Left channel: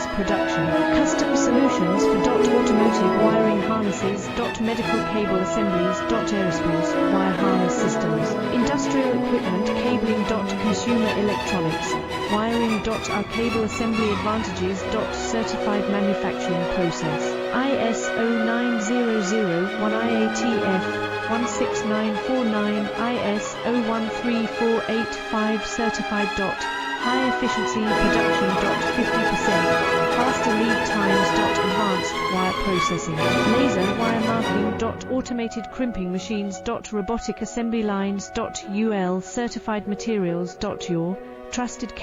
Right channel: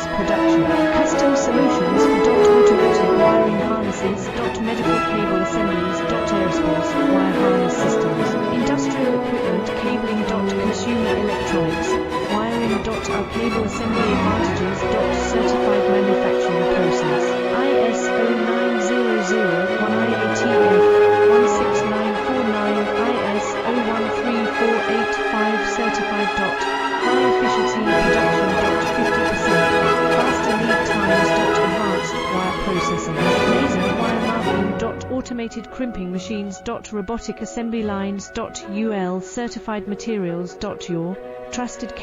process production. Custom solutions for automotive wiring harnesses, medical cable assemblies, aerospace wire harness systems, industrial equipment cabling, consumer electronics, wiring, our cable assembly advantages, certified manufacturing process. ISO 9001 IATF 16949 IS 013485 certified. High efficiency production. 50% faster lead times. Advanced wire processing, laser wire marking. Automated crimping machines. Robotic assembly lines. UL certified materials. Your trusted